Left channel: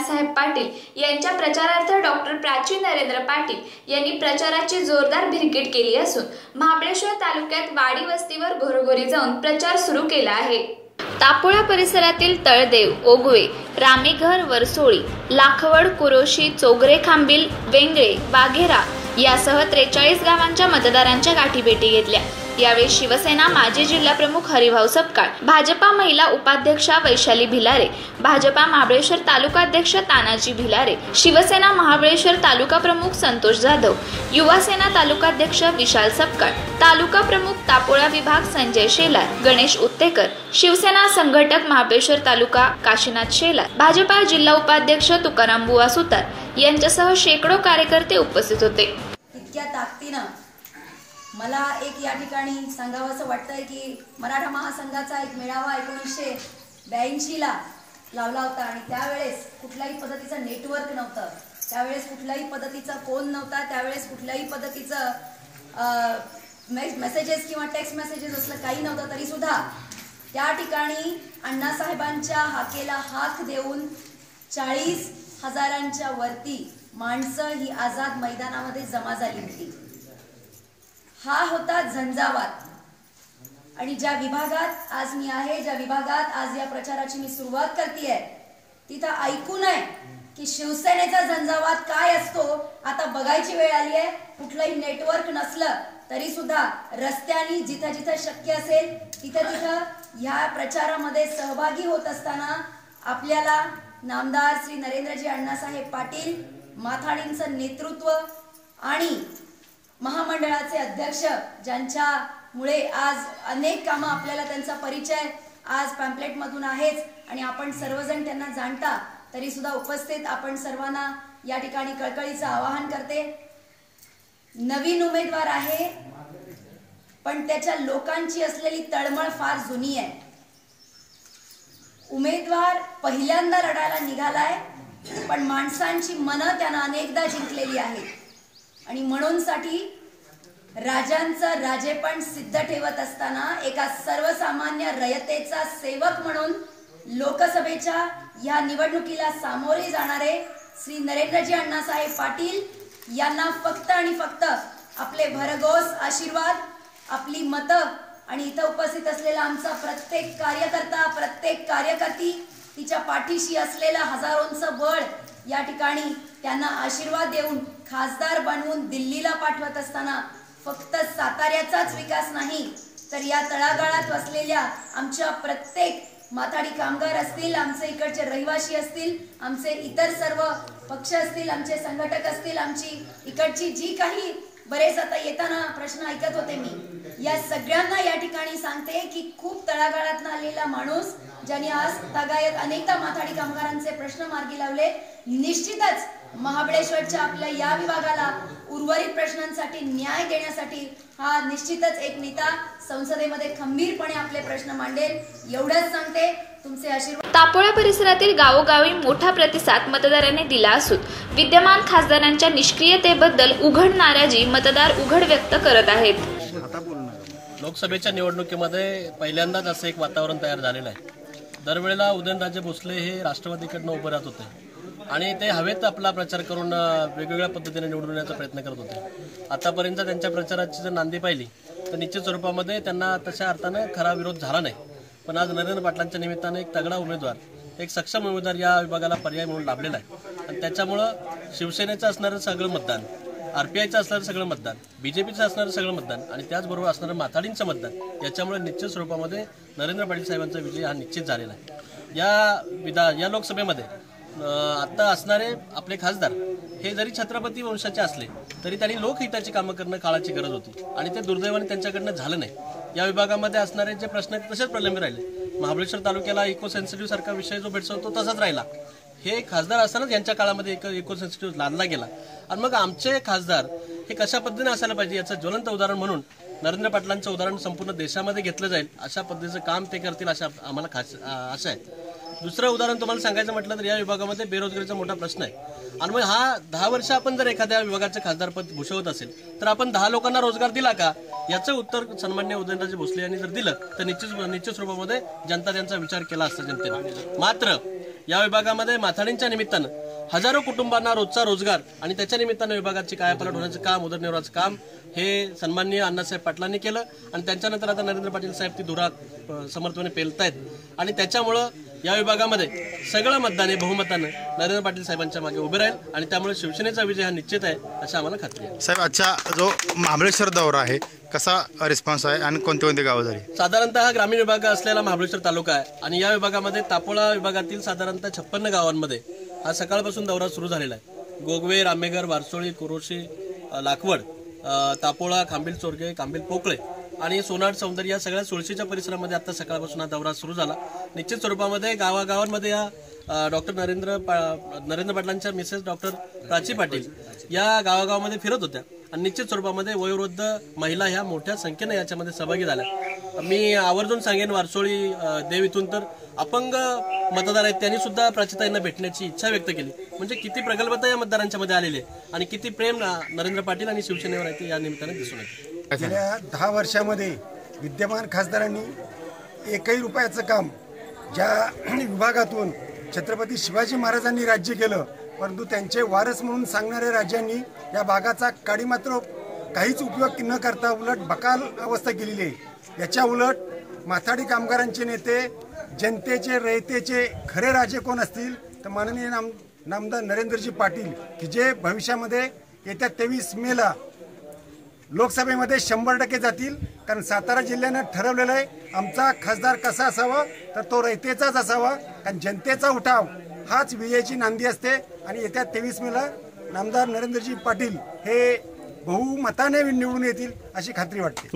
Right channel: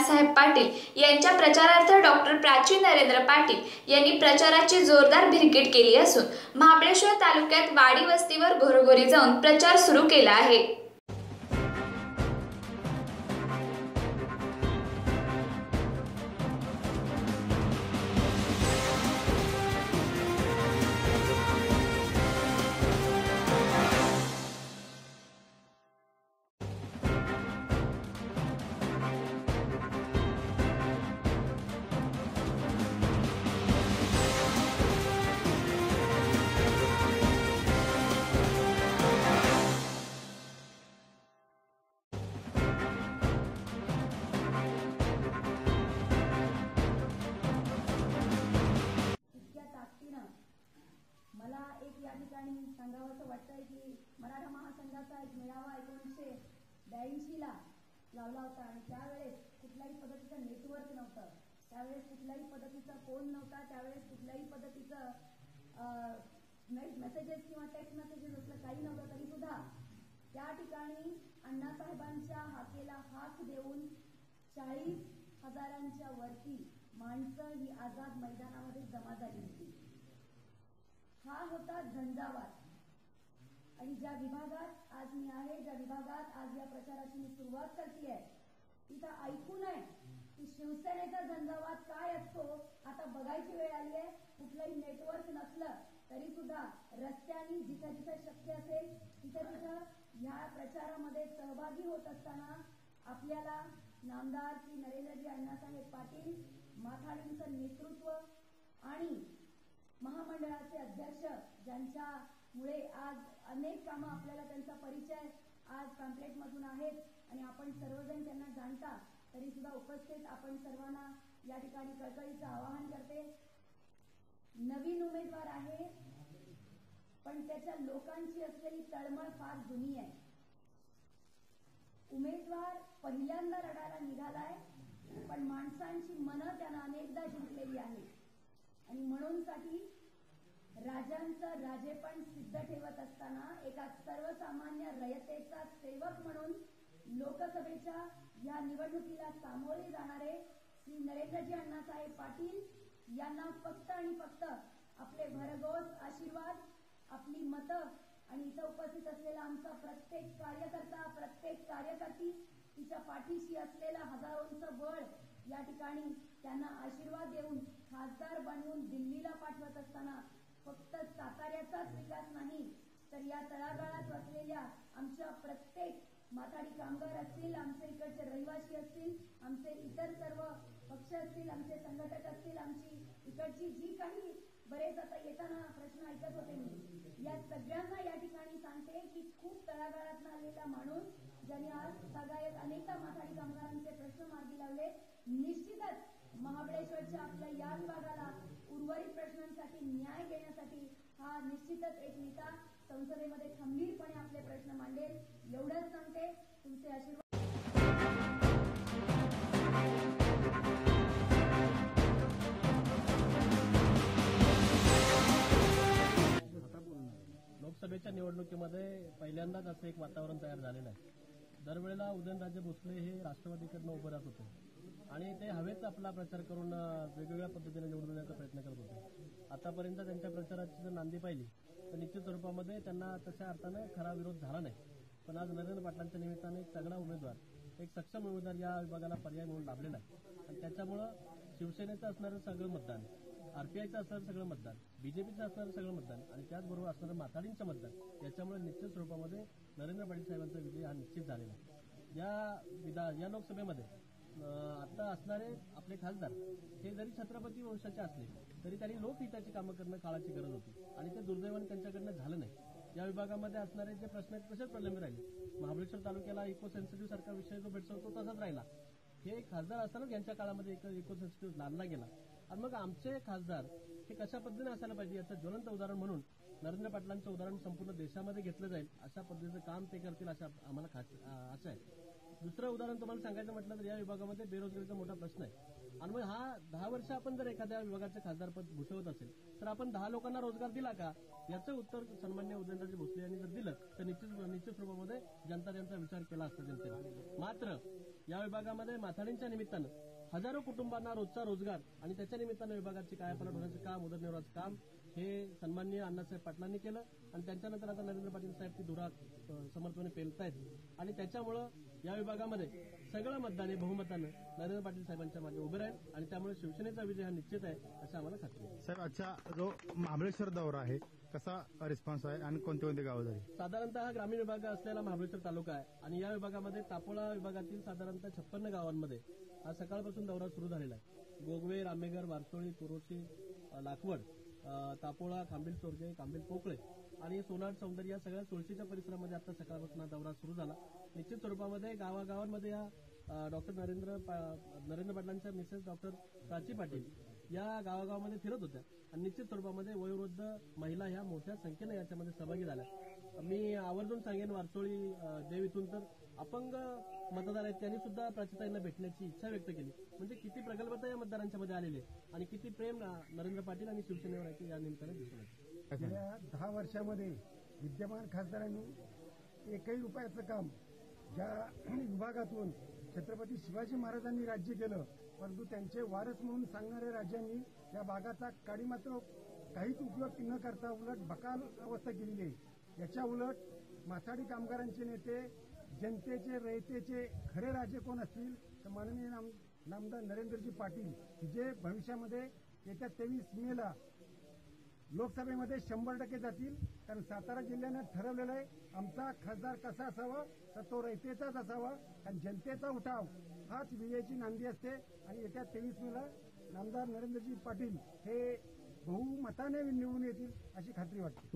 बाळासाहेब पाटील यांच्या प्रचारार्थ डॉक्टर प्राची नरेंद्र पाटील यांनी प्रचाराची जोरदार भिरकीट केली असून महाबळेश्वर तालुक्यात वाडी वस्तीवर घरोघरी जाऊन प्रचार सुरू केला आहे. तापोळा परिसरातील तळदेव ओगवे रामेघर वरसोळी लाखवड कुरोशी चोगरे खांबील वेंगळे वाघेरा यासह त्रेचाळीस गावांच्या मतदारांच्या गाठीभेटी घेतल्या. यावेळी शिवसेना माजी जिल्हाप्रमुख हरिभाऊ सपकाळ भाजपा महिला उपाध्यक्षा वैशाली भिलारे भाजपा महाबळेश्वर तालुकाध्यक्ष तानाजी भिलारे शिवसेना महाबळेश्वर तालुका प्रमुख संतोष जाधव युवासेना तालुकाध्यक्ष विशाल सपकाळ तालुका प्रमुख तापोळा विभाग संजय शेलार गणेश उत्तेकर शिवसेना संघटक महाबळेश्वर तालुका काशीनाथ शेलार भाजपा जिल्हा उपाध्यक्ष तुकाराम बुवा सुतार यांच्यासह शेकडो कार्यकर्ते उपस्थित होते. इतक्या ताकदीनं मला एक या ठिकाणी सांगावं असं वाटतंय की मराठा महासंघाचा एक मेळावा एकोणीसशे ब्याऐंशीला लावला होता आणि त्यावेळेस कुठल्याही पद्धतीचं नेटवर्क नव्हतं. त्यावेळेस कुठल्याही पद्धतीचा फोन नव्हता. त्यावेळेस कुठल्याही पद्धतीचं मेसेजेस किंवा टेक्स्ट मेसेजेस असलं काही नव्हतं तरीसुद्धा त्या ठिकाणी अण्णासाहेबांच्या हाकेला हाक देऊन चाळीस हजारांच्या वरती माणसं ही आझाद मैदानामध्ये जमा झाली होती. हा होता झंझावात. आणि ज्या विभागात आज मी आहे ज्या विभागात आज या प्रचाराची मी सुरुवात करते तिथं ऐकून आहे की शिवसेनेचा झंझावात काय असतो आता बघायची वेळ आली आहे. कुठलंही नेटवर्क नसलं तरी सुद्धा रस्त्यानी जिथं जिथं शक्य असेल तिथं तिथं ह्या प्रचारामध्ये सहभागी होत असताना आपल्याला नामदार श्री नरेंद्रजी अण्णासाहेब पाटील माथाडींचं नेतृत्व आणि महामंडळाचे अध्यक्ष ज्यांच्यामुळे आज अनेक कामं आपल्याला त्यांचा परिचय आज पॅम्पलेटमधून आहेच आणि आपण सर्वजण त्यांना जाणता तरी सुद्धा उपस्थित आपण सर्वांना या ठिकाणी कळकळीचं आवाहन करते. नवीन उमेदवार आहे पण त्याच्या लोकांची असलेली तळमळ फार जुनी आहे. उमेदवार पहिल्यांदा लढायला निघालाय पण माणसांची मनं त्यानं अनेकदा जिंकलेली आहेत. आणि म्हणूनसाठी राजांचं राजेपण सिद्ध ठेवत असताना एका सर्वसामान्य रयतेचा सेवक म्हणून लोकसभेच्या या निवडणुकीला सामोरे जाणारे श्री नरेंद्रजी अण्णासाहेब पाटील यांना फक्त आणि फक्त आपले भरघोस आशीर्वाद आपली मतं आणि इथं उपस्थित असलेला आमचा प्रत्येक कार्यकर्ता प्रत्येक कार्यकर्ती तिच्या पाठीशी असलेलं हजारोंचं बळ या ठिकाणी त्यांना आशीर्वाद देऊन खासदार बनवून दिल्लीला पाठवत असताना फक्त साताऱ्याचाच विकास नाही तर या तळागाळात वसलेल्या आमच्या प्रत्येक माथाडी कामगार असतील आमचे इकडचे रहिवासी असतील आमचे इतर सर्व पक्ष असतील आमचे संघटक असतील आमची इकडची जी काही बरेच आता येताना प्रश्न ऐकत होते मी. या सगळ्यांना या ठिकाणी सांगते की खूप तळागाळात आलेला माणूस ज्यांनी आज तगायत अनेकदा माथाडी कामगारांचे प्रश्न मार्गी लावले निश्चितच महाबळेश्वरच्या आपल्या या विभागाला उर्वरित प्रश्नांसाठी न्याय देण्यासाठी हा निश्चितच एक नेता संसदेमध्ये खंबीरपणे आपले प्रश्न मांडेल एवढंच सांगते तुमचे आशीर्वाद. तापोळा परिसरातील गावोगावी मोठा प्रतिसाद मतदारांनी दिला असून विद्यमान खासदारांच्या निष्क्रियतेबद्दल उघड नाराजी मतदार उघड व्यक्त करत आहेत. लोकसभेच्या निवडणुकीमध्ये पहिल्यांदाच असं एक वातावरण तयार झालेलं आहे. दरवेळेला उदयनराजे भोसले हे राष्ट्रवादीकडनं उभं राहत होते. आणि ते हवेत आपला प्रचार करून वेगवेगळ्या पद्धतीने निवडून येण्याचा प्रयत्न करत होते. आतापर्यंत त्यांच्या प्रचाराची जर नांदी पाहिली तर निश्चित स्वरूपामध्ये त्यांना तशा अर्थानं खरा विरोध झाला नाही. पण आज नरेंद्र पाटलांच्या निमित्तानं एक तगडा उमेदवार एक सक्षम उमेदवार या विभागाला पर्याय म्हणून लाभलेला आहे. आणि त्याच्यामुळं शिवसेनेचं असणारं सगळं मतदान आर पी आयचं असणारं सगळं मतदान बी जे पीचं असणारं सगळं मतदान आणि त्याचबरोबर असणारं माथाडींचं मतदान याच्यामुळे निश्चित स्वरूपामध्ये नरेंद्र पाटील साहेबांचा विजय हा निश्चित झालेला आहे. या विधा या लोकसभेमध्ये आत्ता असणारे आपले खासदार हे जरी छत्रपती वंशाचे असले तरी त्यांनी लोकहिताची कामं करणं काळाची गरज होती. आणि ते दुर्दैवाने त्यांच्याकडनं झालं नाही. या विभागामध्ये असणारे जे प्रश्न आहेत तसेच प्रलंबित राहिले. महाबळेश्वर तालुक्याला इको सेन्सिटिव्ह सारखा विषय जो भेटतो तसाच राहिला. हे खासदार असतानाच यांच्या काळामध्ये एक इको सेन्सिटिव्ह लादला गेला. आणि मग आमचे खासदार हे कशा पद्धतीने असायला पाहिजे याचं ज्वलंत उदाहरण म्हणून नरेंद्र पाटलांचं उदाहरण संपूर्ण देशामध्ये घेतलं जाईल. अशा पद्धतीचं काम ते करतील अशा आम्हाला खास आशा आहे. दुसरं उदाहरण तुम्हाला सांगायचं म्हटलं तर या विभागामध्ये बेरोजगारीचा मोठा प्रश्न आहे. आणि मग हा दहा वर्ष आपण जर एखाद्या विभागाचं खासदारपद भूषवत असेल तर आपण दहा लोकांना रोजगार दिला का? याचं उत्तर सन्मान्य उदयनराजे भोसले यांनी जर दिलं तर निश्चित निश्चित स्वरूपामध्ये जनता त्यांचा विचार केला असता जनतेने. मात्र या विभागामध्ये माथाडींच्या निमित्तानं हजारो कुटुंबांना रोजचा रोजगार आणि त्याच्या निमित्तानं विभागाची कायापालट होण्याचं काम उदरनिर्वाहाचं काम हे सन्माननीय अण्णासाहेब पाटलांनी केलं आणि त्यांच्यानंतर आता नरेंद्र पाटील साहेब ती धुरा समर्थपणे पेलतायत. आणि त्याच्यामुळं या विभागामध्ये सगळं मतदान हे बहुमतानं नरेंद्र पाटील साहेबांच्या मागे उभे राहील आणि त्यामुळे शिवसेनेचा विजय हा निश्चित आहे अशी आम्हाला खात्री आहे. साहेब आजचा जो महाबळेश्वर दौरा आहे कसा रिस्पॉन्स आहे आणि कोणती कोणती गावं झाली? साधारणतः हा ग्रामीण विभाग असलेला महाबळेश्वर तालुका आहे आणि या विभागामध्ये तापोळा विभागातील साधारणतः छप्पन्न गावांमध्ये हा सकाळपासून दौरा सुरू झालेला आहे. गोगवे रामेगर वारसोळी कुरोशी अ, लाखवड तापोळा खांबील चोरगे खांबील पोकळे आणि सोनार सौंदर्य या सगळ्या सुळशीच्या परिसरामध्ये आता सकाळपासून हा दौरा सुरू झाला. निश्चित स्वरूपामध्ये गावागावांमध्ये या डॉक्टर नरेंद्र पा- नरेंद्र पाटलांच्या मिसेस डॉक्टर प्राची पाटील या गावागावामध्ये फिरत होत्या. आणि निश्चित स्वरूपामध्ये वयोवृद्ध महिला ह्या मोठ्या संख्येने याच्यामध्ये सहभागी झाल्या. मी आवर्जून सांगेन वारसोळी देव इथून तर अपंग मतदार आहेत त्यांनी सुद्धा प्राचिताईंना भेटण्याची इच्छा व्यक्त केली. म्हणजे किती प्रगल्भता या मतदारांच्या मध्ये आलेली आहे आणि किती प्रेम नरेंद्र पाटील आणि शिवसेनेवर आहे ते या निमित्ताने दिसून येते गेल्या दहा वर्षामध्ये विद्यमान खासदारांनी एकही रुपयाचं काम ज्या विभागातून छत्रपती शिवाजी महाराजांनी राज्य केलं परंतु त्यांचे वारस म्हणून सांगणाऱ्या राज्यांनी या भागाचा काडी मात्र काहीच उपयोग न करता उलट बकाल अवस्था केलेली आहे. याच्या उलट माथाडी कामगारांचे नेते जनतेचे रयतेचे खरे राजे कोण असतील? तर माननीय नाम नामदार नरेंद्रजी पाटील की जे भविष्यामध्ये येत्या तेवीस मेला लोकसभेमध्ये शंभर टक्के जातील. कारण सातारा जिल्ह्यानं ठरवलेलं आहे आमचा खासदार कसा असावा? तर तो रयतेचाच असावा. कारण जनतेचा उठाव हाच विजयाची नांदी असते. आणि येत्या तेवीस मेला नामदार नरेंद्रजी पाटील हे बहुमताने निवडून येतील अशी खात्री वाटते.